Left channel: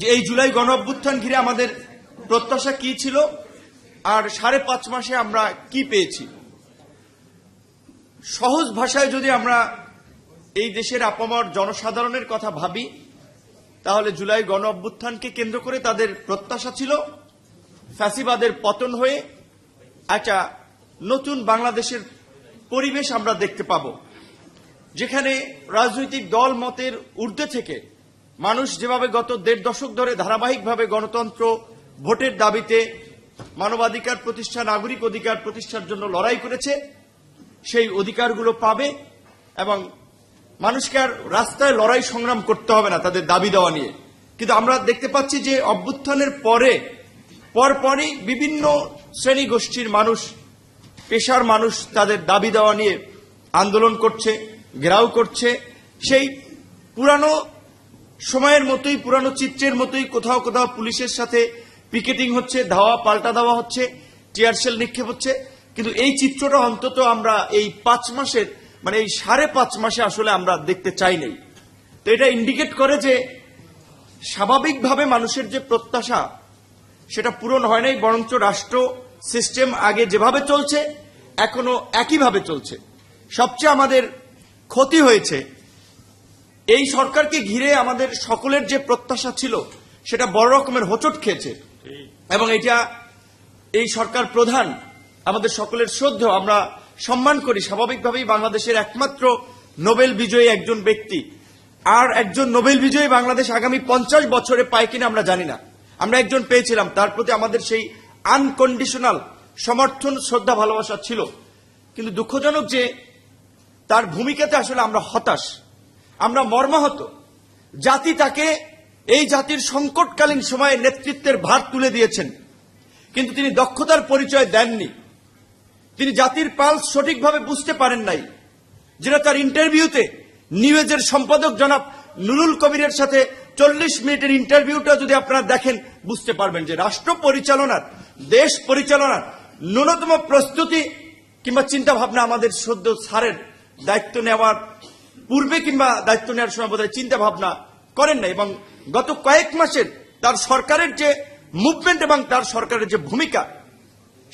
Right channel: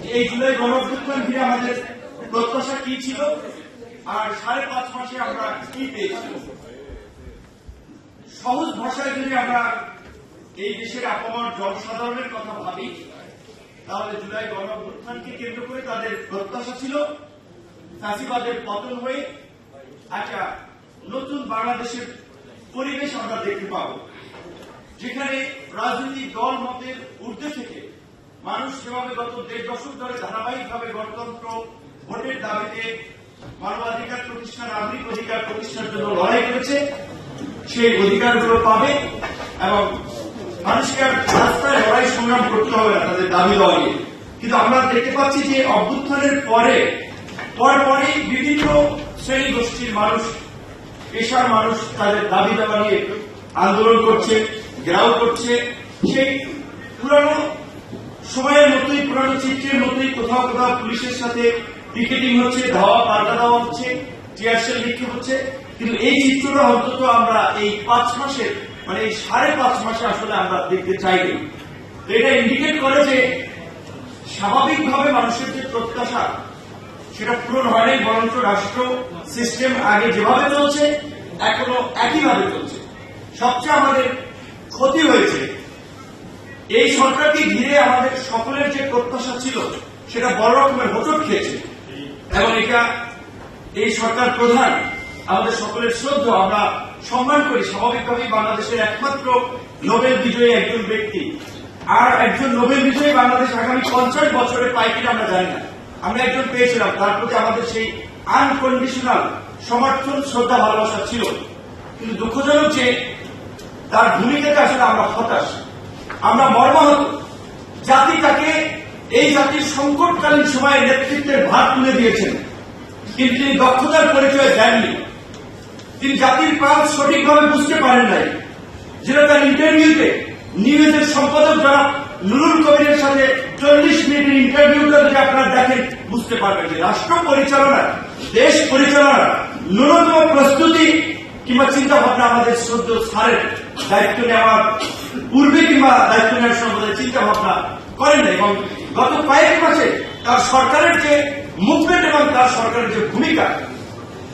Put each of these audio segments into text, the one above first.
যে এই জুলাই গণ অভ্যুত্থান ঘিরে আমাদের প্রত্যাশা কি ছিল? আর সাড়ে পাঁচ মাসে আমরা কি পেয়েছি? সহজ ভাষায় যদি আমরা এই দেশের আপামর জনসাধারণের কথা ভাবি, তাহলে জুলাই গণ অভ্যুত্থানকে কেন্দ্র করে তাদের প্রত্যাশা ছিল ফ্যাসিবাদের পতন হয়ে একটা নতুন বাংলাদেশের পরিবেশ আমরা দেখতে পাব, যেখানে রাজনৈতিক দল মতের ঊর্ধ্বে থেকে মানুষ যেভাবে গত দেড় দশক ধরে ধারাবাহিকভাবে গণতন্ত্র ভোটের দাবিতে মানবাধিকার প্রতিষ্ঠা, নাগরিক অধিকার প্রতিষ্ঠার জন্য লড়াই করেছে, সেই অধিকারগুলো পাবে এবং মানুষকে আর রাস্তায় লড়াই সংগ্রাম করতে হবে না তাদের দাবি দেওয়া নিয়ে। কিন্তু আমরা দেখতে পাচ্ছি যে অভ্যুত্থানের পরে, পরপরই বিভিন্ন শ্রেণি গোষ্ঠীর মানুষ, পেশার মানুষ তাদের দাবি দেওয়া নিয়ে আন্দোলন করছে, ঘেরাও করছে। সেই পুরানো সময়ের মতোই, পুরানো চিত্রের মতোই কোথাও কোথাও পুলিশের সাথে পিকেটিং হচ্ছে, ধাওয়া, পাল্টা দেওয়া হচ্ছে চেয়ার সেল নিক্ষেপ হচ্ছে। কিন্তু এই চিত্রটা অন্তত আমরা এই পাঁচ মাসে মানে এই সাড়ে পাঁচ মাসে আসলে আমরা দেখতে চাইনি। তো এটা ইন্ডিকেট করে যে স্বাভাবিকভাবে মানুষের যে প্রত্যাশা, সেটা পূরণ হয় নাই, বরঞ্চ রাষ্ট্র সিস্টেম আগে যেভাবে চলছে, এখনও একইভাবে চলছে। সবচেয়ে আমাদের ক্ষতি হয়েছে এই সরকারকে ঘিরে আমাদের সকলের যে প্রত্যাশা ছিল, সেটা বড় রকমের হোচট খেয়েছে। এবং এটা এই সরকার প্রধান, আমাদের সকলের শ্রদ্ধ আমরা সম্মান করি। স্বাভাবিকভাবেই বাংলাদেশের একমাত্র নোবেল বিজয়ী একজন ব্যক্তি। আর একজন নোবেল বিজয়ী বাংলাদেশ আগামী পঞ্চাশ বছরে পায় কিনা আমরা জানি না। আমরা একজন পেয়েছিলাম, তার প্রতি আমাদের সেই আনকন্ডিশনাল সমর্থন, শ্রদ্ধা, ভালোবাসা ছিল। কিন্তু দুঃখজনক যে, তার ভূমিকাতে আসলে আমরা হতাশ। আমরা মর্মাহত। জাতি তাকে এই জাতির সংকটকালীন সময়ে নেতৃত্বের ভার তুলে দিয়েছেন। কিন্তু তিনি দক্ষতার পরিচয় দেননি। তিনি জাতির পাল সঠিকভাবে বুঝতে পারেন নাই। যেটা তার ইন্টারভিউতে নিউজের সম্পাদক জনাব নুরুল কবিরের সাথে চল্লিশ মিনিটের ইন্টারভিউটা যদি আপনারা দেখেন, বুঝতে পারবেন যে রাষ্ট্র পরিচালনার, দেশ পরিচালনার ন্যূনতম প্রস্তুতি কিংবা চিন্তা ভাবনা আমাদের শ্রদ্ধ স্যারের দায়িত্ব নেওয়ার পূর্বে কিংবা দায়িত্ব নেওয়ার সময় চিন্তা ভাবনা করেন এবং গত কয়েক মাসে তার সরকারের যে মুভমেন্ট এবং তার সরকারের যে ভূমিকা,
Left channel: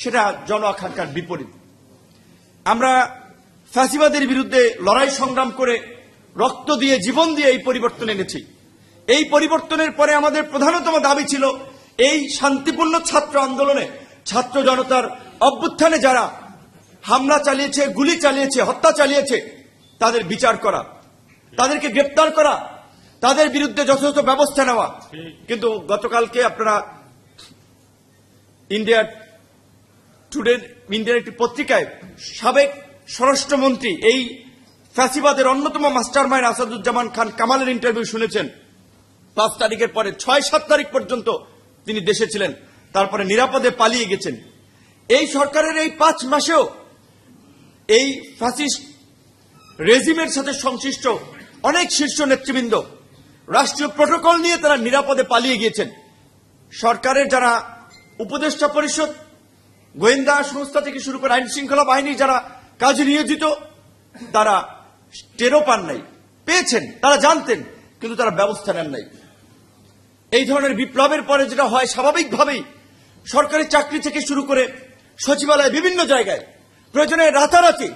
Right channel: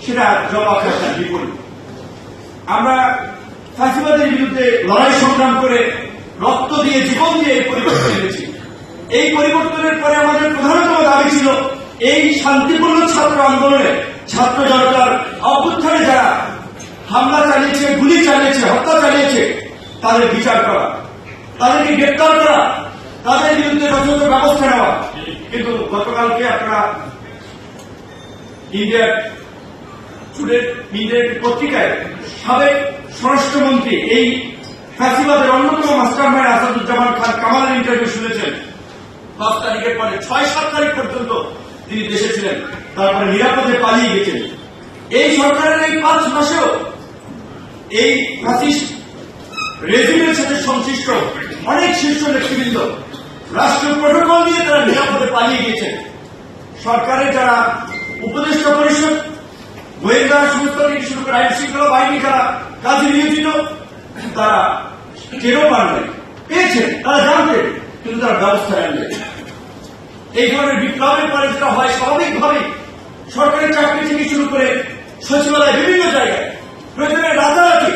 সেটা জলাখার বিপরীত আমরা ফ্যাসিবাদের বিরুদ্ধে লড়াই সংগ্রাম করে রক্ত দিয়ে, জীবন দিয়ে এই পরিবর্তন এনেছি। এই পরিবর্তনের পরে আমাদের প্রধানতম দাবি ছিল এই শান্তিপূর্ণ ছাত্র আন্দোলনে ছাত্র জনতার অভ্যুত্থানে যারা হামলা চালিয়েছে, গুলি চালিয়েছে, হত্যা চালিয়েছে তাদের বিচার করা। তাদেরকে গ্রেপ্তার করা। তাদের বিরুদ্ধে যথাযথ ব্যবস্থা নেওয়া। কিন্তু গতকালকে আপনারা ইন্ডিয়ার টুডে ইন্ডিয়ার একটি পত্রিকায় সাবেক স্বরাষ্ট্রমন্ত্রী, এই ফ্যাসিবাদের অন্যতম মাস্টার মাইন্ড আসাদুজ্জামান খান কামালের ইন্টারভিউ শুনেছেন। পাঁচ তারিখের পরে ছয় সাত তারিখ পর্যন্ত তিনি দেশে ছিলেন। তারপরে নিরাপদে পালিয়ে গেছেন। এই সরকারের এই পাঁচ মাসেও এই ফ্যাসিস্ট রেজিমের সাথে সংশ্লিষ্ট অনেক শীর্ষ নেতৃবৃন্দ রাষ্ট্রীয় প্রোটোকল নিয়ে তারা নিরাপদে পালিয়ে গেছেন সরকারের যারা উপদেষ্টা পরিষদ, গোয়েন্দা সংস্থা থেকে শুরু করে আইন শৃঙ্খলা বাহিনী যারা কাজে নিয়োজিত, তারা টেরও পাননি পেয়েছেন, তারা জানতেন কিন্তু তারা ব্যবস্থা নেননি এই ধরনের বিপ্লবের পরে যেটা হয়, স্বাভাবিকভাবেই সরকারি চাকরি থেকে শুরু করে সচিবালয় বিভিন্ন জায়গায় প্রয়োজনে রাতারাতি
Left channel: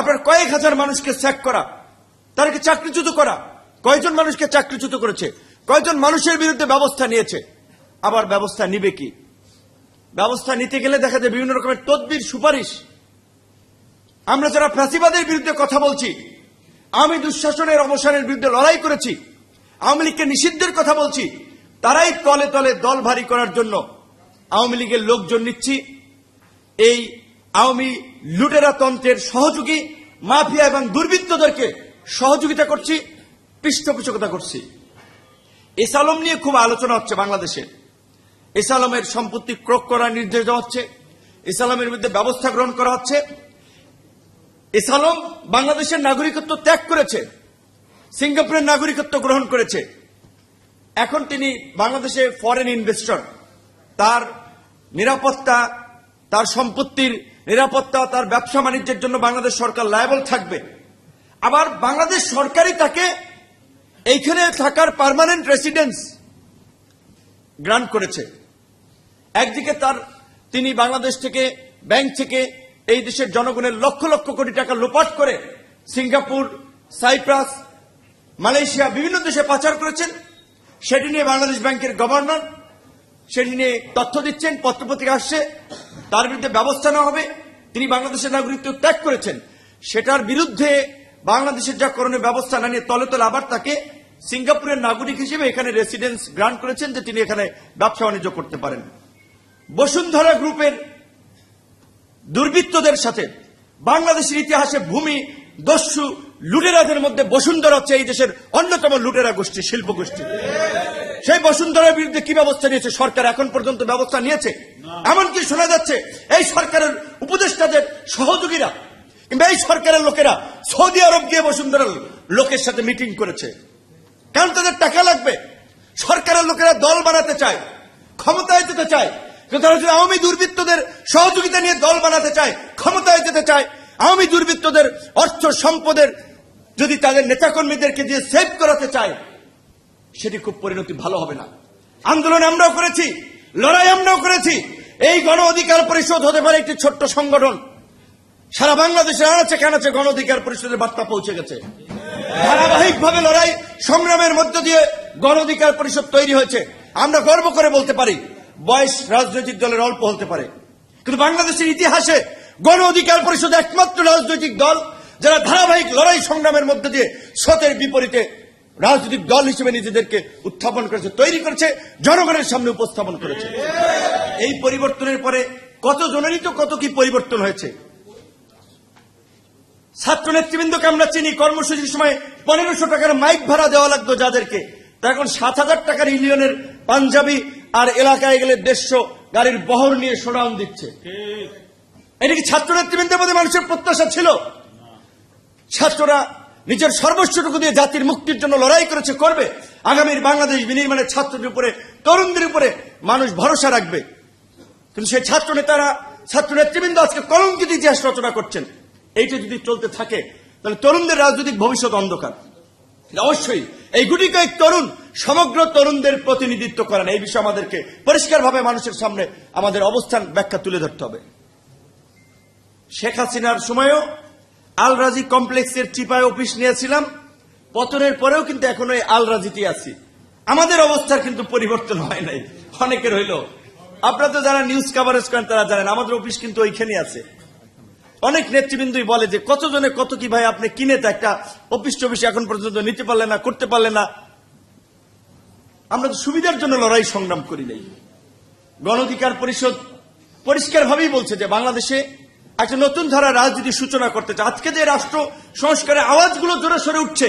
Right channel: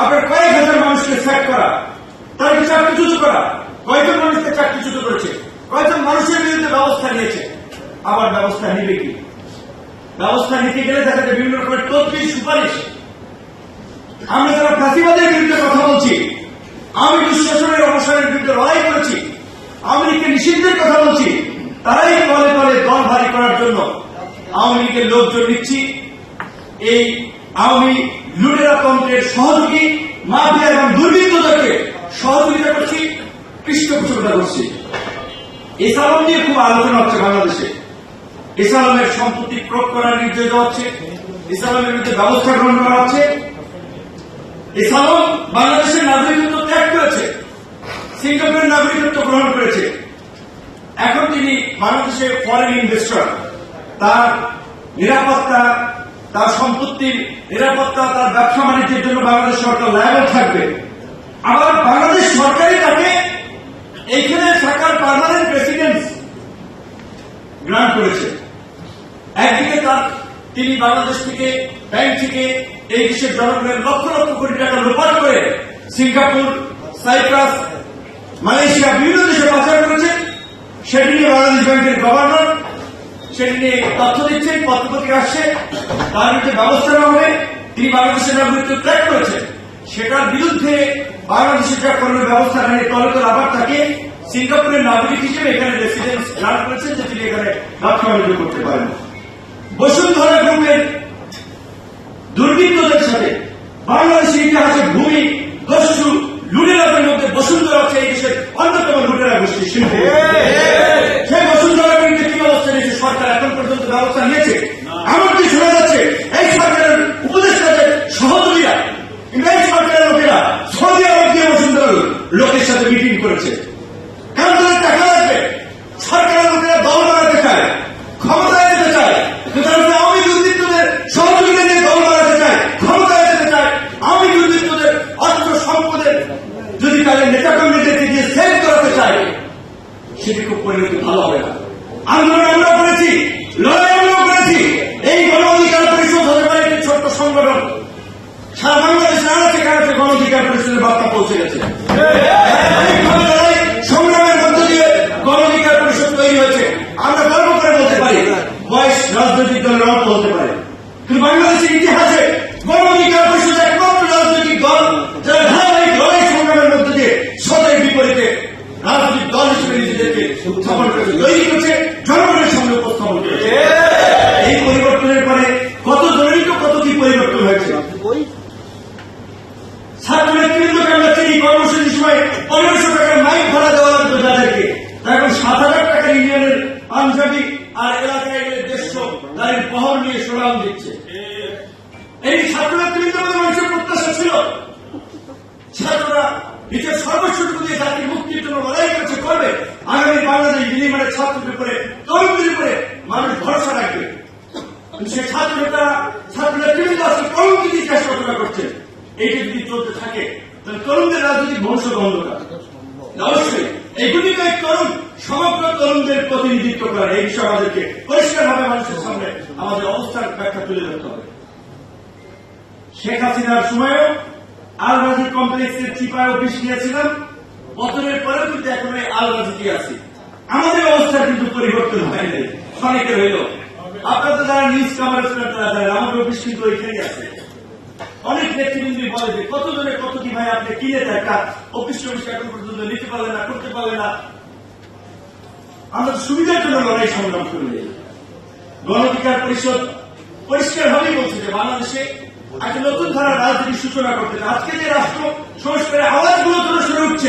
আপনার কয়েক হাজার মানুষকে স্যাক করা তাদেরকে চাকরিচ্যুত করা কয়জন মানুষকে চাকরিচ্যুত করেছে কয়জন মানুষের বিরুদ্ধে ব্যবস্থা নিয়েছে। আবার ব্যবস্থা নিবে কি? ব্যবস্থা নিতে গেলে দেখা যায় বিভিন্ন রকমের তদ্বির, সুপারিশ। আমরা যারা ফাঁসিবাদের বিরুদ্ধে কথা বলছি, আমি দুঃশাসনের অবসরের বিরুদ্ধে লড়াই করেছি, আওয়ামী লীগের নিষিদ্ধের কথা বলছি, তারাই তলে তলে দল ভারী করার জন্য আওয়ামী লীগের লোকজন নিচ্ছি। এই আওয়ামী লুটেরা তন্ত্রের সহযোগী, মাফিয়া এবং দুর্বৃত্তদেরকে সহযোগিতা করছি, পৃষ্ঠপোষকতা করছি। ইসলাম নিয়ে খুব আলোচনা হচ্ছে বাংলাদেশে। ইসলামের সম্পত্তি প্রয়োগ করার নির্দেশ দেওয়া হচ্ছে ইসলামের বিরুদ্ধে ব্যবস্থা গ্রহণ করা হচ্ছে। ইসলাম বাংলাদেশের নাগরিকত্ব ত্যাগ করেছে, সিঙ্গাপুরের নাগরিকত্ব গ্রহণ করেছে। এখন তিনি বাংলাদেশের ফরেন ইনভেস্টর তার নিরাপত্তা, তার সম্পত্তির নিরাপত্তা, তার ব্যবসা বাণিজ্যের জন্য বাংলাদেশ সরকার লাইবেল থাকবে। আবার বাংলাদেশ সরকারই তাকে এইখানে থাকার পার্মানেন্ট রেসিডেন্স গ্রান্ট করেছে। একদিকে তার, তিনি বাংলাদেশ থেকে ব্যাংক থেকে এই দেশের জনগণের লক্ষ লক্ষ কোটি টাকা লোপাট করে সিঙ্গাপুর, সাইপ্রাস, মালয়েশিয়া, বিভিন্ন দেশে পাচার করেছে। সেটি নিয়ে বাংলাদেশ ব্যাংকের গভর্নর, সেটি নিয়ে তথ্য দিচ্ছেন, পত্রপত্রিকা আসছে। তার বিরুদ্ধে ব্যবস্থা নেওয়া হবে। তিনি বাংলাদেশের নাগরিকত্ব ত্যাগ করেছেন। সেটার বিরুদ্ধে বাংলাদেশের যা কোনো ব্যবস্থা নেই দলে দল আবার তাকে সিঙ্গাপুরের নাগরিক হিসেবে এখানে রেসিডেন্স গ্রান্ট করেছেন যে তিনি এখানে ব্যবসা বাণিজ্য করতে পারেন। বসুন্ধরা গ্রুপের দুর্বৃত্তদের সাথে বাংলাদেশের ইতিহাসে ভূমি দস্যু লুটেরাদের মধ্যে বসুন্ধরা হচ্ছে এই দেশের অন্যতম লুটেরা গোষ্ঠী শিল্পী। সেই বসুন্ধরার বিরুদ্ধে কি ব্যবস্থা নিয়েছে? সরকার এখন পর্যন্ত ব্যবস্থা নিয়েছে এমনকি শোনা যাচ্ছে এই সরকারের উপদেষ্টাদের সহযোগীরা কিংবা এই সরকারের লোকেরা সৌদি আরব দিয়ে বসুন্ধরার লোকের সাথে মিটিং করেছে কেন তাদের টাকা লাগবে সরকারের লোকেরা দল বানাতে চায় ক্ষমতায় যেতে চায় কিন্তু তারা যদি আওয়ামী দুর্বৃত্তদের সহযোগিতা দিয়ে দল বানাতে চায় ক্ষমতায় যেতে চায় আওয়ামী দুর্বৃত্তদের অর্থ সম্পদের যদি তাদের নেতাকর্মীদেরকে দিয়ে সেভ করাতে চায় সেটি খুব পরিণতি ভালো হবে না আন্দোলন আমরা করেছি লড়াই আমরাও করেছি এই গণ অধিকার পরিষদ হতে পারে একটি ছোট্ট সংগঠন সারা বাংলাদেশে আছে কাছে গণ অধিকার পরিষদের বার্তা পৌঁছে গেছে। সংগ্রামের মধ্য দিয়ে গণ অধিকার পরিষদ তৈরি হয়েছে। আমরা গর্ব করে বলতে পারি, বয়স রাজনৈতিক দলের অল্প হতে পারে কিন্তু বাংলাদেশের ইতিহাসে গণ অধিকার পরিষদ একমাত্র রাজনৈতিক দল যারা ধারাবাহিক লড়াই সংগ্রামের মধ্য দিয়ে সতের বিপরীতে রাজনৈতিক দল হিসেবে নিজেদেরকে উত্থাপন করেছে তৈরি করেছে জনগণের সামনে উপস্থাপন করেছে এই পরিবর্তনের পরে কত জনেরই তো কত কি পরিবর্তন হয়েছে ছাত্র নেতৃবৃন্দকে আমরা চিনি কর্মসূচির সময় পনেরোশো টাকার মাইক ভাড়া দেওয়া লাগতো যাদেরকে তারা এখন সাত হাজার টাকার ইউনিয়নের পাঞ্জাবি আর এলাকায় গেলে দেড়শো গাড়ির বহর নিয়ে সোনাম দিচ্ছে। এটি ছাত্র নেতৃবৃন্দের মধ্যে মানুষের প্রত্যাশা ছিল। ছাত্ররা নিজের সর্বস্বটুকু দিয়ে জাতির মুক্তির জন্য লড়াই করেছে, করবে। আগামীর বাংলাদেশ বিনিময়ের ছাত্রদের উপরে, তরুণদের উপরে মানুষ ভরসা রাখবে। সেই ছাত্র নেতারা ছাত্র নেতৃবৃন্দ আজকে তরুণদের ইতিহাস রচনা করছেন, এইটা যদি চলতে থাকে, তাহলে তরুণদের রাজনৈতিক ভবিষ্যৎ অন্ধকার। অবশ্যই। এইগুলিকে তরুণ, সমগ্র তরুণদের প্রতিনিধিত্ব করেন এই বিষয়ে আমাদেরকে পরিষ্কারভাবে মানুষের সামনে আমাদের অবস্থান ব্যাখ্যা তুলে ধরতে হবে। শেখ হাসিনার সময়ও আল রাজি কমপ্লেক্সের চিপায় অফিস নিয়েছিলাম, পতনের পরেও কিন্তু এখনও এই আল রাজিতে আছি। আমাদের অবস্থা কিন্তু পরিবর্তন হয়নি অনেকের হইল আপনাদের যারা নিউজ কাভারেজ করেন তারা জানেন, আমাদের অফিস কিন্তু ওইখানে আছে। অনেক নেতৃবৃন্দই বলে যে কত জনে কত কি ভাই, আপনি কিনে তা একটা অফিস টফিস এখন পর্যন্ত নিতে পারলেন না, করতে পারলেন না। আমরা সুবিধার জন্য লড়াই সংগ্রাম করি নাই। গণ অধিকার পরিষদ পরিষ্কার ভাবেই বলছে যে, বাংলাদেশে একটা নতুন ধারা রাজনীতির সূচনা করতে চায়। আজকে যে রাষ্ট্র সংস্কারের আওয়াজগুলো জোরে সরে উঠছে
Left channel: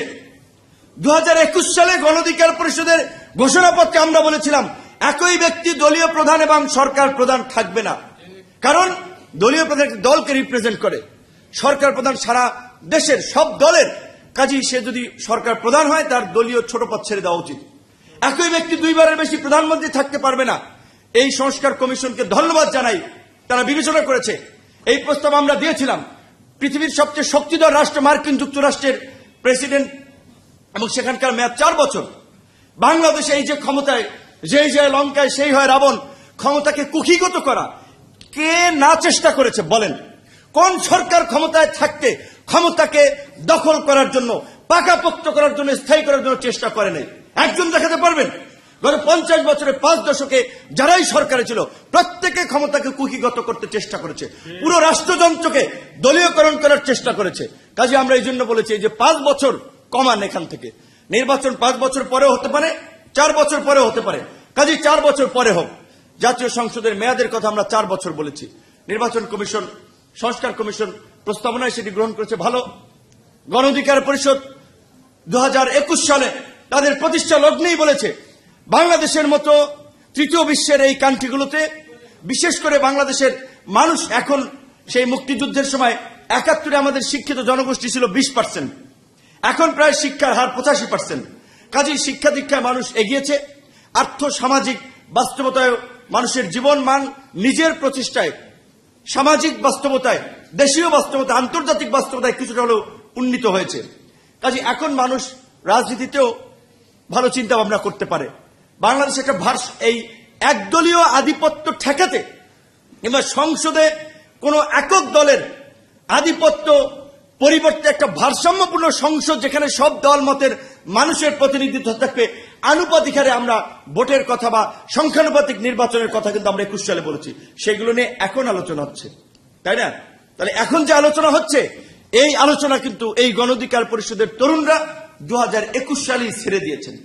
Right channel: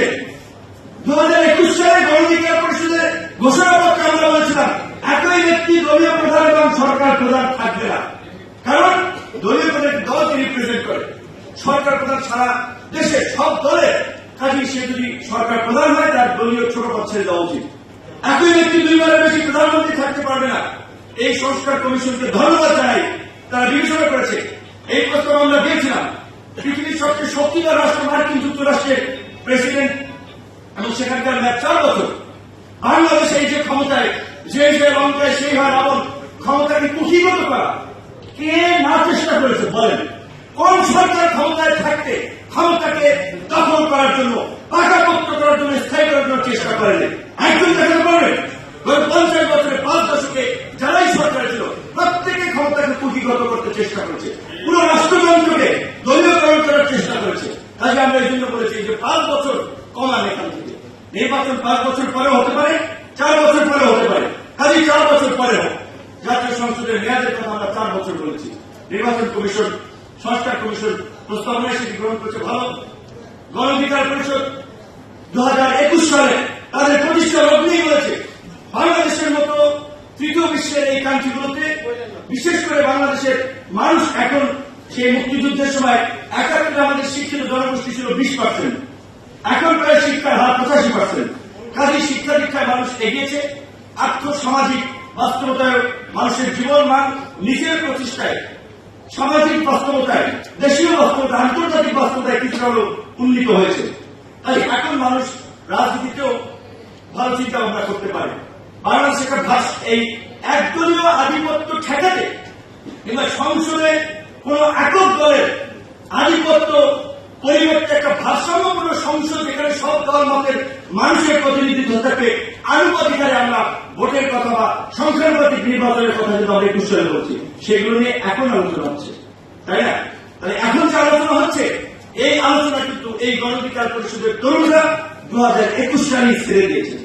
দু হাজার একুশ সালে গণ অধিকার পরিষদের ঘোষণাপত্রে আমরা বলেছিলাম, একই ব্যক্তি দলীয় প্রধান এবং সরকার প্রধান থাকবে না। কারণ দলীয় প্রধান দলকে রিপ্রেজেন্ট করে। সরকার প্রধান সারা দেশের সব দলের। কাজেই সে যদি সরকার প্রধান হয়, তার দলীয় ছোট পদ ছেড়ে দেওয়া উচিত। একই ব্যক্তি দুইবারের বেশি প্রধানমন্ত্রী থাকতে পারবে না। এই সংস্কার কমিশনকে ধন্যবাদ জানাই। তারা বিবেচনা করেছে। এই প্রস্তাব আমরা দিয়েছিলাম। পৃথিবীর সবচেয়ে শক্তিধর রাষ্ট্র মার্কিন যুক্তরাষ্ট্রের প্রেসিডেন্ট। এবং সেখানকার মেয়াদ চার বছর। বাংলাদেশে এই যে ক্ষমতায়, যে যে লঙ্কায় সেই হয় রাবণ ক্ষমতাকে কুক্ষিগত করা কে না চেষ্টা করেছে বলেন। কোন সরকার ক্ষমতায় থাকতে ক্ষমতাকে দখল করার জন্য, পাকাপোক্ত করার জন্য, স্থায়ী করার জন্য চেষ্টা করেনি। একজন দেখাতে পারবেন পঞ্চাশ বছরে পাঁচ দশকে যারাই সরকারে ছিল, প্রত্যেকে ক্ষমতাকে কুকিগত করতে চেষ্টা করেছে। পুরো রাষ্ট্রযন্ত্রকে দলীয়করণ করার চেষ্টা করেছে। কাজে আমরা এই জন্য বলেছি যে পাঁচ বছর কমান এখান থেকে। নির্বাচন পাঁচ বছর পরে হতে পারে, চার বছর পরে হতে পারে। কাজে চার বছর পরে হোক। জাতীয় সংসদের মেয়াদের কথা আমরা চার বছর বলেছি। নির্বাচন কমিশন, সংস্কার কমিশন প্রস্তাবনায় সেটি গ্রহণ করেছে ভালো। গণ অধিকার পরিষদ দু হাজার একুশ সালে তাদের প্রতিষ্ঠা লগ্নেই বলেছে, বাংলাদেশের মতো তৃতীয় বিশ্বের এই কান্ট্রিগুলোতে, বিশেষ করে বাংলাদেশের মানুষ এখন সেই মুক্তিযুদ্ধের সময় একাত্তরে আমাদের শিক্ষিত জনগোষ্ঠী ছিল বিশ পার্সেন্ট। এখন প্রায় শিক্ষার হার পঁচাশি পার্সেন্ট। কাজেই শিক্ষা দীক্ষায় মানুষ এগিয়েছে। আর্থ সামাজিক বাস্তবতায় মানুষের জীবন মান নিজের প্রচেষ্টায়, সামাজিক বাস্তবতায়, দেশীয় বাস্তবতা আন্তর্জাতিক বাস্তবতায় কিছুটা হলেও উন্নীত হয়েছে। কাজে এখন মানুষ রাজনীতিতেও ভালো চিন্তা ভাবনা করতে পারে। বাংলাদেশ একটা ভাষ এই একদলীয় আধিপত্য ঠেকাতে কিংবা সংসদে কোনো একক দলের আধিপত্য পরিবর্তে একটা ভারসাম্যপূর্ণ সংসদ যেখানে সব দল মতের মানুষের প্রতিনিধিত্ব থাকবে আনুপাতিকারে আমরা ভোটের কথা বা সংখ্যানুপাতিক নির্বাচনের কথা কিন্তু আমরা একুশ সালে বলছি। সেগুলো নিয়ে এখন আলোচনা হচ্ছে। তাই না? তাহলে এখন যে আলোচনা হচ্ছে, এই আলোচনা কিন্তু এই গণধিকার পরিষদের তরুণরা দু হাজার একুশ সালেই ছেড়ে দিয়েছেন।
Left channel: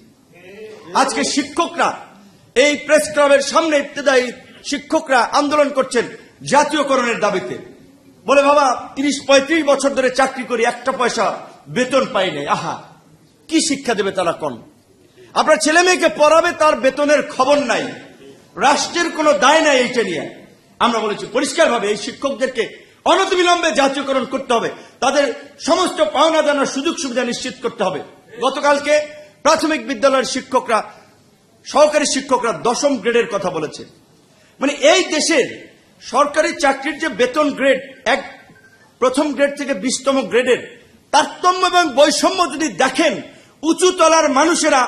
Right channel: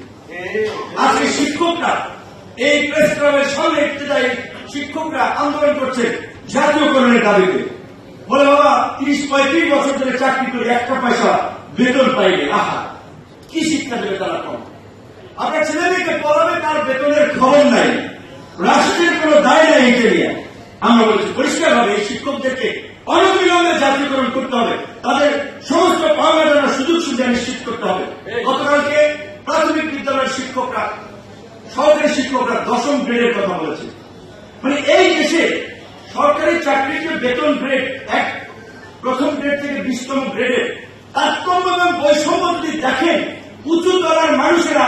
আজকে শিক্ষকরা, এই প্রেস ক্লাবের সামনে ইত্তেদায়ী শিক্ষকরা আন্দোলন করছেন জাতীয়করণের দাবিতে। বলে, বাবা, তিরিশ, পঁয়ত্রিশ বছর ধরে চাকরি করি, একটা পয়সা বেতন পাইনি। আহা, কি শিক্ষা দেবে তারা কম আপনার ছেলে মেয়েকে পড়াবে, তার বেতনের খবর নাই। রাষ্ট্রের কোনো দায় নাই এটা নিয়ে। আমরা বলছি, পরিষ্কারভাবে এই শিক্ষকদেরকে অনতিবিলম্বে জাতীয়করণ করতে হবে। তাদের সমস্ত পাওনা জানার সুযোগ সুবিধা নিশ্চিত করতে হবে। গতকালকে প্রাথমিক বিদ্যালয়ের শিক্ষকরা সরকারি শিক্ষকরা দশম গ্রেডের কথা বলেছে। মানে এই দেশে সরকারি চাকরির যে বেতন গ্রেড এক প্রথম গ্রেড থেকে বিশতম গ্রেডের তারতম্য এবং বৈষম্য যদি দেখেন, উঁচু তলার মানুষেরা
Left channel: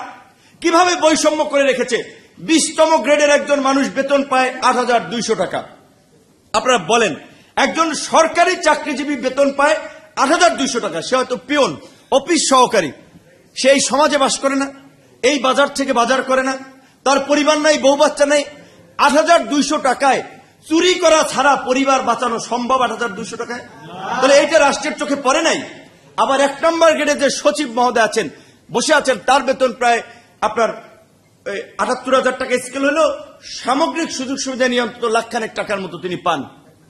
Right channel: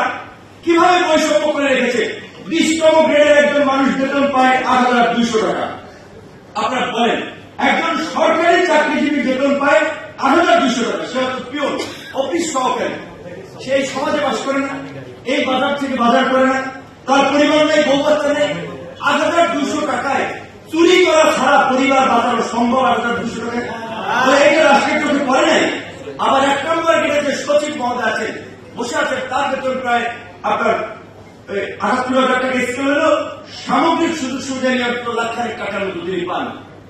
কীভাবে বৈষম্য করে রেখেছে? বিশতম গ্রেডের একজন মানুষ বেতন পায় আট হাজার দুইশো টাকা। আপনারা বলেন, একজন সরকারি চাকরিজীবী বেতন পায় আট হাজার দুইশো টাকা, সে হয়তো পিওন, অফিস সহকারী। সে এই সমাজে বাস করে না, এই বাজার থেকে বাজার করে না, তার পরিবার নাই, বউ বাচ্চা নেই, আট হাজার দুইশো টাকায় চুরি করা ছাড়া পরিবার বাঁচানো সম্ভব আট হাজার দুইশো টাকায়? তাহলে একে রাষ্ট্রের চোখে পড়ে নাই? আবার এক নম্বর গেটে যে সচিব মহোদয় আছেন, বসে আছেন, তার বেতন প্রায় আপনার আটাত্তর হাজার টাকা স্কেল হলো, সামগ্রিক সুযোগ সুবিধা নিয়ে লাখখানেক টাকার মতো তিনি পান।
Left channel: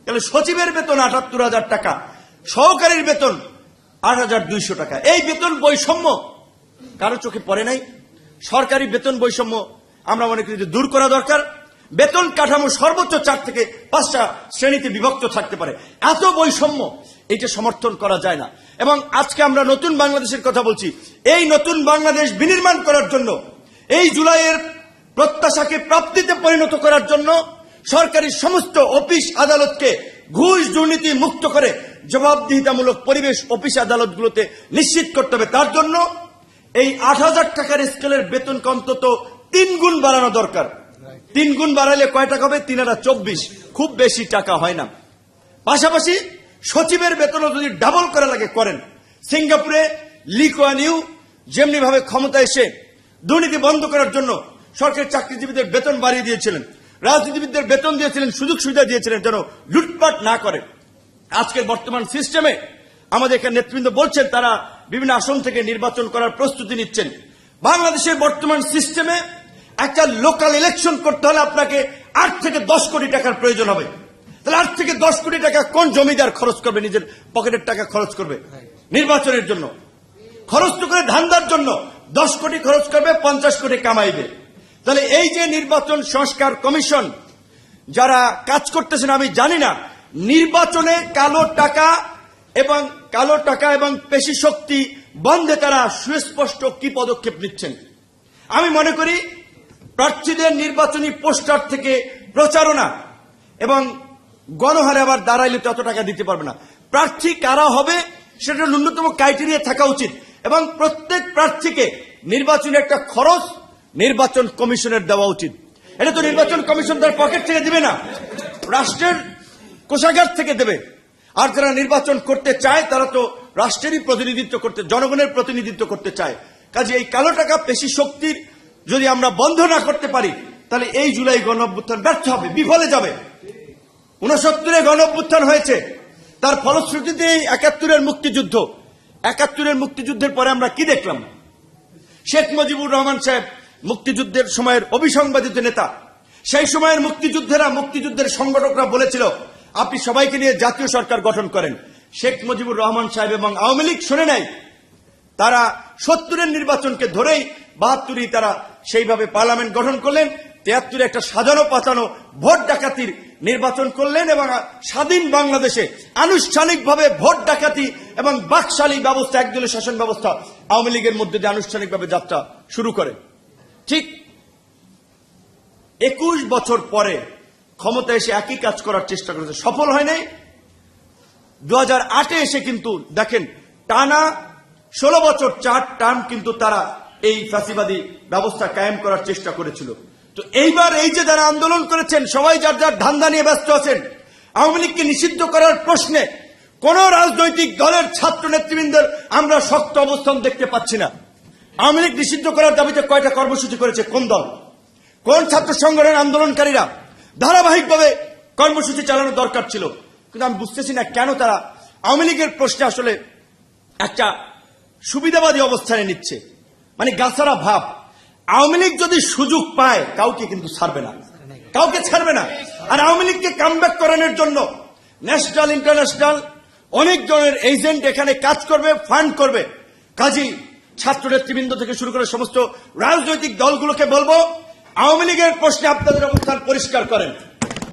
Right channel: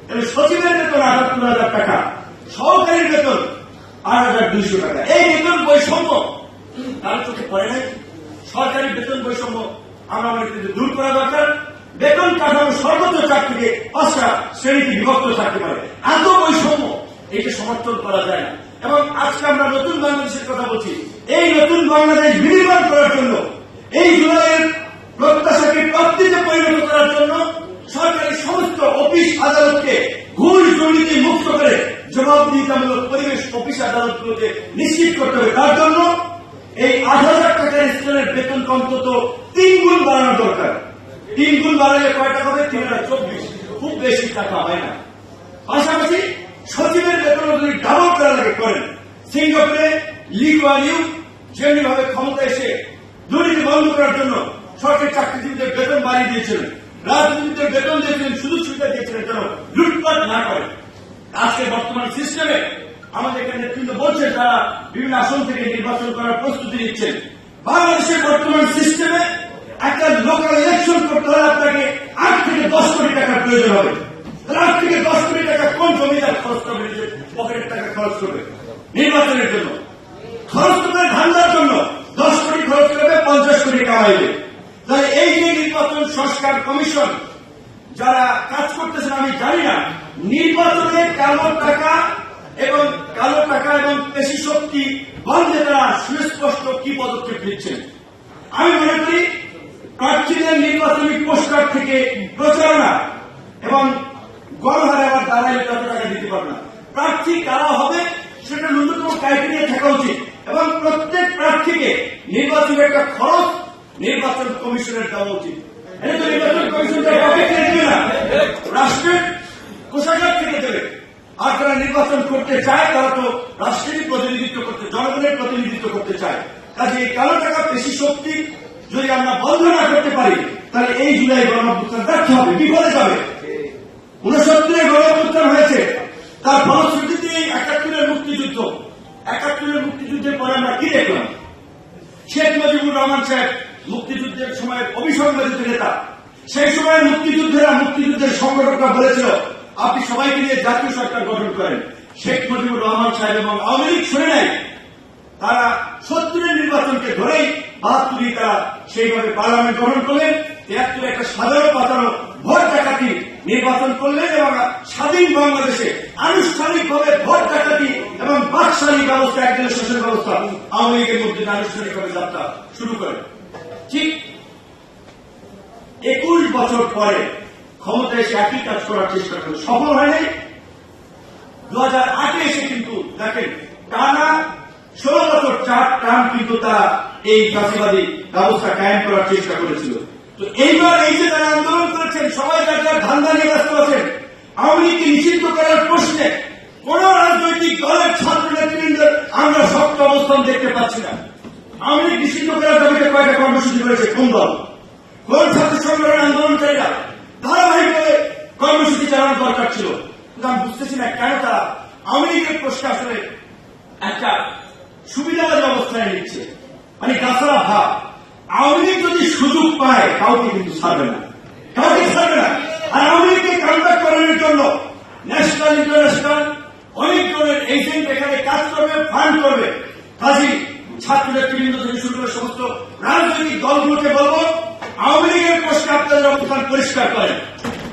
তাহলে সচিবের বেতন আটাত্তর হাজার টাকা, সহকারীর বেতন আট হাজার দুইশো টাকা। এই বেতন বৈষম্য কারও চোখে পড়ে নাই? সরকারি বেতন বৈষম্য আমরা মনে করি দূর করা দরকার। বেতন কাঠামো সর্বোচ্চ চার থেকে পাঁচটা শ্রেণীতে বিভক্ত থাকতে পারে। এত বৈষম্য এটা সমর্থন করা যায় না। এবং আজকে আমরা নতুন বাংলাদেশের কথা বলছি। এই নতুন বাংলাদেশ বিনির্মাণ করার জন্য, এই জুলাইয়ের প্রত্যাশাকে প্রাপ্তিতে পরিণত করার জন্য সরকারি সমস্ত অফিস আদালতকে ঘুষ দুর্নীতি মুক্ত করে জবাবদিহিতামূলক পরিবেশ অফিস আদালতগুলোতে নিশ্চিত করতে হবে। তার জন্য এই আট হাজার টাকার স্কেলের বেতন অন্তত তিন গুণ বাড়ানো দরকার। তিন গুণ বাড়ালে কয় টাকা হবে? তিন হাজার চব্বিশ। খুব বেশি টাকা হয় না। পাশাপাশি সচিবের বেতনও যদি ডাবল করার আগে করেন, সিঙ্গাপুরে লি কোয়ান ইউ যেমনি ভাবে ক্ষমতা এসে দুর্নীতি বন্ধ করার জন্য সরকারি চাকরিজীবীদের বেতন বাড়িয়ে দিয়েছিলেন, রাজনীতিবিদদের বেতন দিয়েছিলেন, সুযোগ সুবিধা দিয়েছিলেন যেন লুটপাট না করে। আজকের বর্তমান সিস্টেমে আমাদের এখানে নেতৃবৃন্দ বলছেন, তারা বিভিন্ন আসন থেকে নির্বাচন করার প্রস্তুতি নিচ্ছেন। বাংলাদেশের বর্তমান সিস্টেমে একটা লোকাল ইলেকশন করতে হলে আপনাকে আট থেকে দশ কোটি টাকার প্রয়োজন হবে। তাহলে আট থেকে দশ কোটি টাকা কোন জমিদার খরচ করবে? নিজের পকেটের টাকা খরচ করবে নির্বাচনের জন্য। খরচ করবে ধান্দার জন্য। দশ কোটি খরচ করবে, পঞ্চাশ কোটি কামাইবে। তাহলে এই যে নির্বাচন সংস্কার কমিশন, যারা কাজ করতেছেন, আমি জানি না, নির্বাচনে কালো টাকা এবং কালো টাকা এবং পেশি শক্তি বন্ধে তারা সুস্পষ্ট কি পদক্ষেপ নিচ্ছেন? আমি মনে করি প্রার্থীদের নির্বাচনী পোস্টার থেকে প্রচারণা এবং গণহারে আবার দাঁড়াইলে যত টাকা দিতে পারবে না। প্রার্থী কারা হবে সেটা ন্যূনতম ক্রাইটেরিয়া থাকা উচিত এবং প্রত্যেক প্রার্থীকে নির্বাচনের একটা খরচ নির্বাচন কমিশনের দেওয়া উচিত। এটা তো নির্বাচন কমিশন দেবে না। রাষ্ট্রের কোষাগার থেকে দেবে। আর যারা নির্বাচন করতে চায়, তারা তো রাষ্ট্রেরই প্রতিনিধিত্ব করতে, জনগণের প্রতিনিধিত্ব করতে চায়। কাজে এই কালো টাকা পেশি শক্তি যদি আমরা বন্ধ না করতে পারি, তাহলে এই জুলাই গণ অভ্যুত্থান ব্যর্থ হবে বিফলে যাবে। উনসত্তরে গণ অভ্যুত্থান হয়েছে, তার এই একাত্তরের মুক্তিযুদ্ধ। একাত্তরের মুক্তিযুদ্ধের পরে আমরা কি দেখলাম? শেখ মুজিবুর রহমান সাহেব মুক্তিযুদ্ধের সময়ের অবিসংবাদিত নেতা। সেই সময়ের মুক্তিযুদ্ধেরা মুক্তিযুদ্ধের সংগঠকরা বলেছিল, আপনি সবাইকে নিয়ে জাতীয় সরকার গঠন করেন। শেখ মুজিবুর রহমান সাহেব এবং আওয়ামী লীগ শুনে নেয় তারা সত্তরের নির্বাচনকে ধরেই বাহাত্তরই তারা সেইভাবে পার্লামেন্ট গঠন করলেন, তিয়াত্তরে একটা সাধারণ পাতানো ভোট ডাকাতি নির্বাচন করলেন এবং স্বাধীন বাংলাদেশে আনুষ্ঠানিকভাবে ভোট ডাকাতি এবং বাকশালী ব্যবস্থা, একদিনের শাসন ব্যবস্থা আওয়ামী লীগের মধ্যে আনুষ্ঠানিকভাবে যাত্রা শুরু করে। ঠিক একুশ বছর পরে ক্ষমতা এসে একই কাজ করার চেষ্টা করেছে। সফল হয় নাই। দু হাজার আটে এসে কিন্তু দেখেন টানা ষোলো বছর চার টার্ম কিন্তু তারা এই ফাঁসিবাদী ব্যবস্থা কায়েম করার চেষ্টা করেছিল। তো এইবার এই যে যারা আন্দোলন করেছেন, সবাই যার যার ধান্দা নিয়ে ব্যস্ত আছেন, আওয়ামী লীগকে নিষিদ্ধ করার প্রশ্নে কোন রাজনৈতিক দলের ছাত্র নেতৃবৃন্দের আমরা শক্ত অবস্থান দেখতে পাচ্ছি না। আওয়ামী লীগ নিষিদ্ধ করার দাবিতে কয়টা কর্মসূচি করেছে? কোন দল? কোন ছাত্র সংগঠন আন্দোলনকারীরা ধারাবাহিকভাবে কর্মসূচি চালানোর দরকার ছিল? কিন্তু আমি বুঝতেছি না কেন তারা আওয়ামী লীগের প্রশ্নে আসলে একটা সুবিধাবাদী অবস্থানে নিচ্ছে। মানে গাছারা ভাব। আওয়ামী লীগ যদি সুযোগ পায়, কাউকে কিন্তু ছাড়বে না। কাউকে ছাড়বে না। আর আওয়ামী লীগকে কামব্যাক করানোর জন্য ন্যাশনাল ইন্টারন্যাশনাল অনেক ধরনের এজেন্ট এখানে কাজ করবে ফান্ড করবে। কাজী ছাত্র নেতৃবৃন্দ থেকে শুরু করে সমস্ত রাজনৈতিক দলগুলোকে বলব, আওয়ামী লীগের প্রশ্নে আপনাদের অবস্থান পরিষ্কার করেন।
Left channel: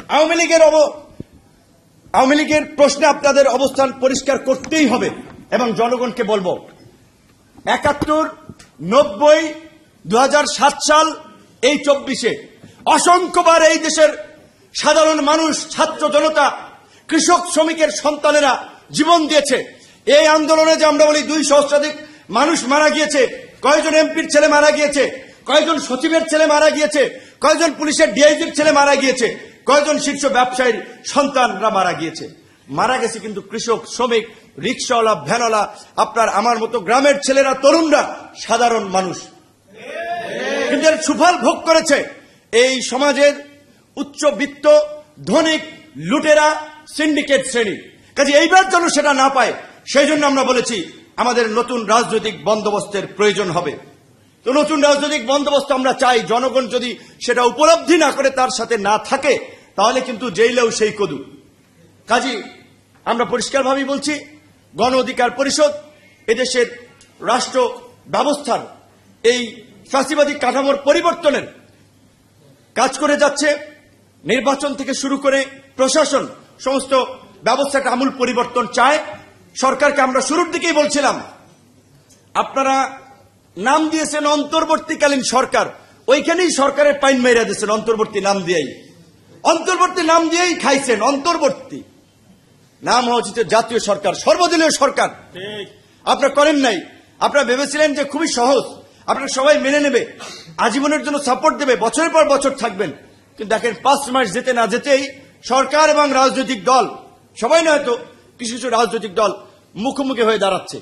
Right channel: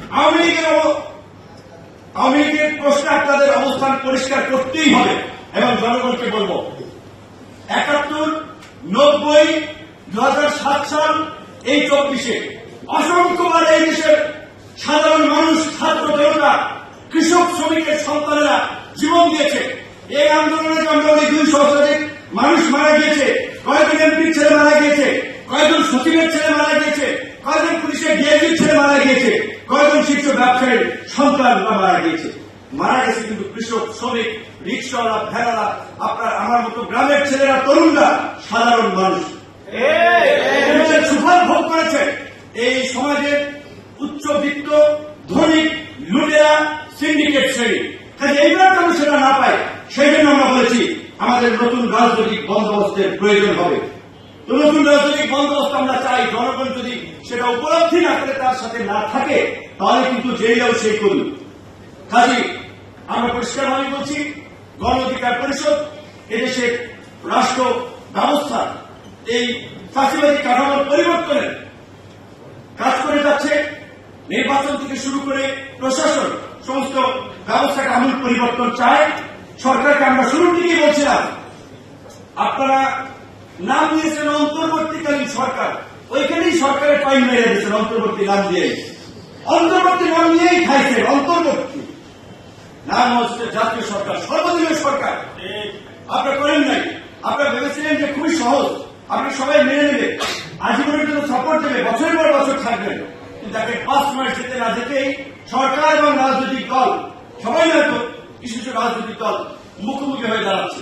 আওয়ামী লীগের আওয়ামী লীগের প্রশ্নে আপনাদের অবস্থান পরিষ্কার করতেই হবে। এবং জনগণকে বলব একাত্তর, নব্বই দু সাল, এই চব্বিশে। অসংখ্যবার এই দেশের সাধারণ মানুষ, ছাত্র জনতা, কৃষক শ্রমিকের সন্তানেরা জীবন দিয়েছে। এই আন্দোলনে যে আমরা বলি দুই সহস্রাধিক মানুষ মারা গিয়েছে কয়েকজন এমপির ছেলে মারা গিয়েছে কয়েকজন সচিবের ছেলে মারা গিয়েছে কয়েকজন পুলিশের ডিআইপির ছেলে মারা গিয়েছে কয়েকজন শীর্ষ ব্যবসায়ীর সন্তানরা মারা গিয়েছে। মারা গেছে কিন্তু কৃষক, শ্রমিক, রিক্সাওয়ালা ভ্যানওয়ালা আপনার আমার মতো গ্রামের ছেলেরা, তরুণরা, সাধারণ মানুষ। সুফল ভোগ করেছে। এই সমাজের উচ্চবিত্ত, ধনিক, লুটেরা সিন্ডিকেট শ্রেণি। কাজে এইবার যেন সেটা না পায়, সেই জন্য আমরা বলেছি, আমাদের নতুন রাজনৈতিক বন্দোবস্তের প্রয়োজন হবে। তো নতুন রাজনৈতিক বন্দোবস্ত আমরা চাই, জনগণ যদি সেটা উপলব্ধি না করে তার সাথে না থাকে, তাহলে কিন্তু জেইলেও সেই কদু কাজী আমরা পরিষ্কারভাবে বলছি, গণ অধিকার পরিষদ এদেশের রাষ্ট্র ব্যবস্থা এই ফ্যাসিবাদী কাঠামোর পরিবর্তনের কাজ করে যাচ্ছে। নির্বাচন থেকে শুরু করে প্রশাসন সমস্ত ব্যবস্থাকে আমূল পরিবর্তন চায়। সরকারকে আমরা শুরুর দিকেই বলছিলাম, আপনারা নাম দিয়েছেন অন্তর্বর্তীকালীন সরকার। ওইখানেই সরকারের পাইন মেরে দিয়েছেন অন্তর্বর্তী নাম দিয়েই। অন্তর্বর্তী নাম দিয়েই খাইছেন, অন্তর্বর্তী। নাম হচ্ছে জাতীয় সরকার, সর্বদলীয় সরকার। আপনারা করেন নাই। আপনারা ভেবেছিলেন যে খুবই সহজ। আপনারা সবাই মেনে নেবে আজীবনের জন্য সাপোর্ট দেবে। বছরের পর বছর থাকবেন। কিন্তু দেখেন, পাঁচ মাস যেতে না যেতেই সরকার এবং রাজনৈতিক দল, সবাই নয় তো, কিছু কিছু রাজনৈতিক দল মুখোমুখি হয়ে দাঁড়াচ্ছে।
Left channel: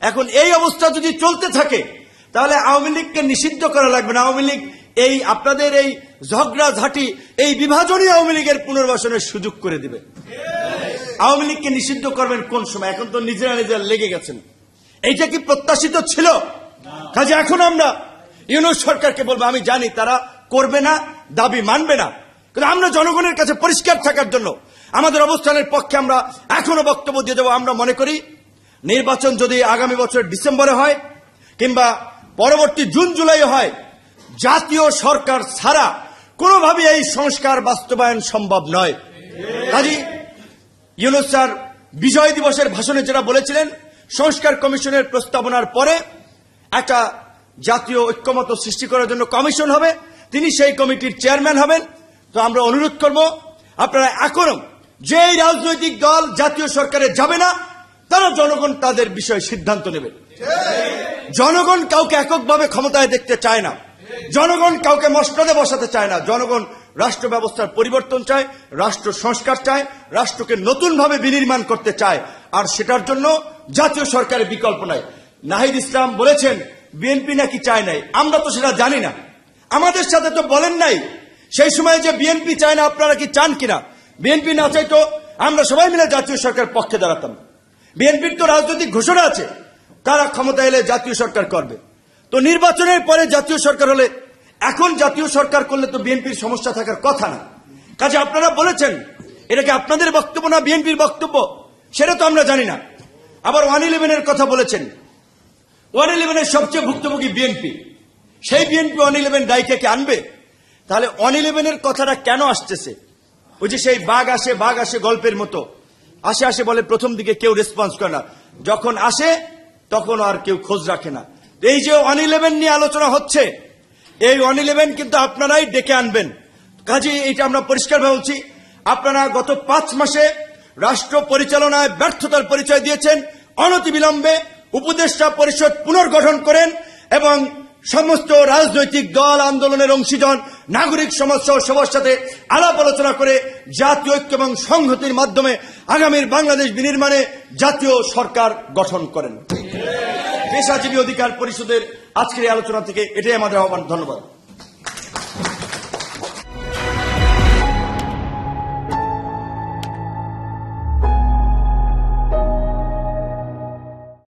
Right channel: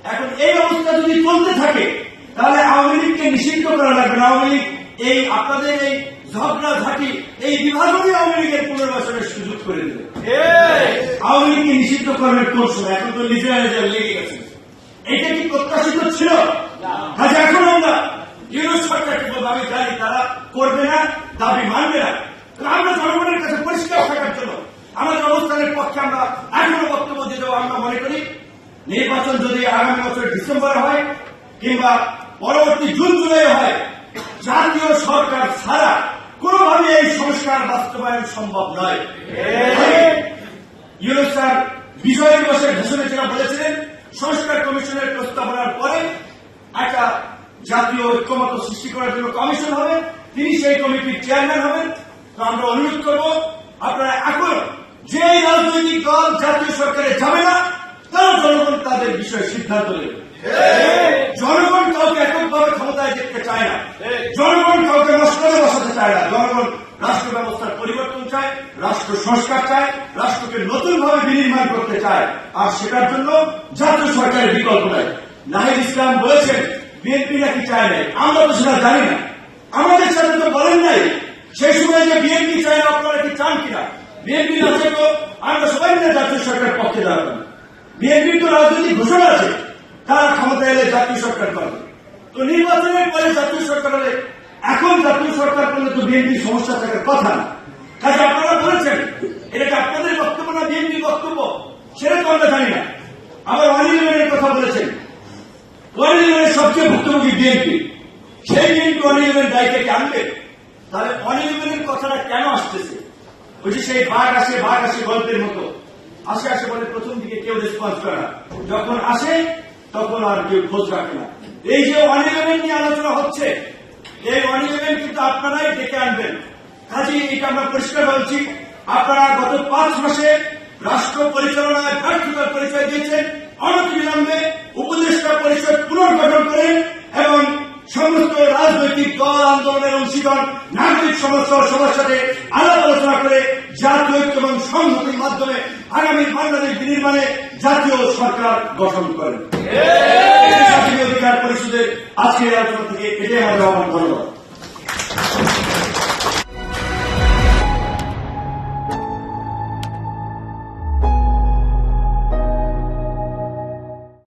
এখন এই অবস্থা যদি চলতে থাকে, তাহলে আওয়ামী লীগকে নিষিদ্ধ করা লাগবে না। আওয়ামী লীগ এই আপনাদের এই ঝগড়া ঝাঁটি এই বিভাজনই আওয়ামী লীগের পুনর্বাসনের সুযোগ করে দেবে। আওয়ামী লীগকে নিষিদ্ধ করবেন কোন সময়? এখন তো নিজেরা নিজেরা লেগে গেছেন। এইটা কি প্রত্যাশিত ছিল? কাজে এখন আমরা ইউনুস সরকারকে বলব, আমি জানি তারা করবে না, দাবি মানবে না। কিন্তু আমরা জনগণের কাছে পরিষ্কার থাকার জন্য আমাদের অবস্থানের পক্ষে আমরা এখনও বক্তব্য দিয়ে দেবো আমরা মনে করি, নির্বাচন যদি আগামী বছর ডিসেম্বরে হয় কিংবা পরবর্তী জুন, জুলাই হয়, জাতীয় সরকার ছাড়া কোনোভাবে এই সংস্কার বাস্তবায়ন সম্ভব নয়। তাই ইউনুস স্যার বিজয় দিবসের ভাষণে যেটা বলেছিলেন, সংস্কার কমিশনের প্রস্তাবনার পরে একটা জাতীয় ঐক্যমত সৃষ্টি করার জন্য কমিশন হবে, তিনি সেই কমিটির চেয়ারম্যান হবেন। তো আমরা অনুরোধ করব, আপনারা এখনও যে রাজনৈতিক দল জাতীয় সরকারে যাবে না, তারা জনগণ তাদের বিষয়ে সিদ্ধান্ত নেবে। জনগণ কাউকে এককভাবে ক্ষমতায় দেখতে চায় না। জনগণ কাউকে মশলাতে বসাতে চায় না। জনগণ রাষ্ট্র ব্যবস্থার পরিবর্তন চায়, রাষ্ট্র সংস্কার চায়, রাষ্ট্রকে নতুনভাবে বিনির্মাণ করতে চায়। আর সেটার জন্য জাতীয় সরকারের বিকল্প নাই। নাহিদ ইসলাম বলেছেন, বিএনপি নাকি চায় নাই। আমরা তো সেটা জানি না। আমাদের সাথে তো বলেন নাই। সেই সময় যে বিএনপি চায় না, আপনারা কি চান কিনা? বিএনপি না চাইতো আমরা সবাই মিলে জাতীয় সরকারের পক্ষে দাঁড়াতাম। বিএনপির তো রাজনৈতিক ঘোষণা আছে। তারা ক্ষমতা এলে জাতীয় সরকার করবে? তো নির্বাচনের পরে জাতীয় সরকার হলে, এখন জাতীয় সরকার করলে তো বিএনপির সমস্যা থাকার কথা না। কাজে আপনারা বলেছেন, এটা কি আপনাদের বক্তব্য না বিএনপির বক্তব্য? সেটা তো আমরা জানি না। আবার ওয়ান ইলেভেনের কথা বলেছেন। ওয়ান ইলেভেনের সবচেয়ে ভুক্তভোগী বিএনপি। সেই বিএনপি ওয়ান ইলেভেন দায়িত্বকে আনবে? তাহলে ওয়ান ইলেভেনের কথাটা কেন আসতেছে? ওই যে সেই বাঘ আসে বাঘ আসে গল্পের মতো। আসে আসে বলে প্রথম দিকে কেউ রেসপন্স করে না। যখন আসে তখন আর কেউ খোঁজ রাখে না। এই যে ওয়ান ইলেভেন নিয়ে আলোচনা হচ্ছে, এই ওয়ান ইলেভেন কিন্তু আপনারাই ডেকে আনবেন। কাজে এইটা আমরা পরিষ্কার বলছি, আপনারা গত পাঁচ মাসে রাষ্ট্র পরিচালনায় ব্যর্থতার পরিচয় দিয়েছেন অনতিবিলম্বে উপদেষ্টা পরিষদ পুনর্গঠন করেন এবং সমস্ত রাজনৈতিক দল, আন্দোলনের অংশীজন নাগরিক সমস্যার সমস্যাতে আলাপ আলোচনা করে জাতীয় ঐক্য এবং সংহতির মাধ্যমে আগামীর বাংলাদেশ বিনির্মাণে জাতীয় সরকার গঠন করেন। অধিকার পরিষদের আজকের আলোচনা থেকে এটাই আমাদের আহ্বান ধন্যবাদ।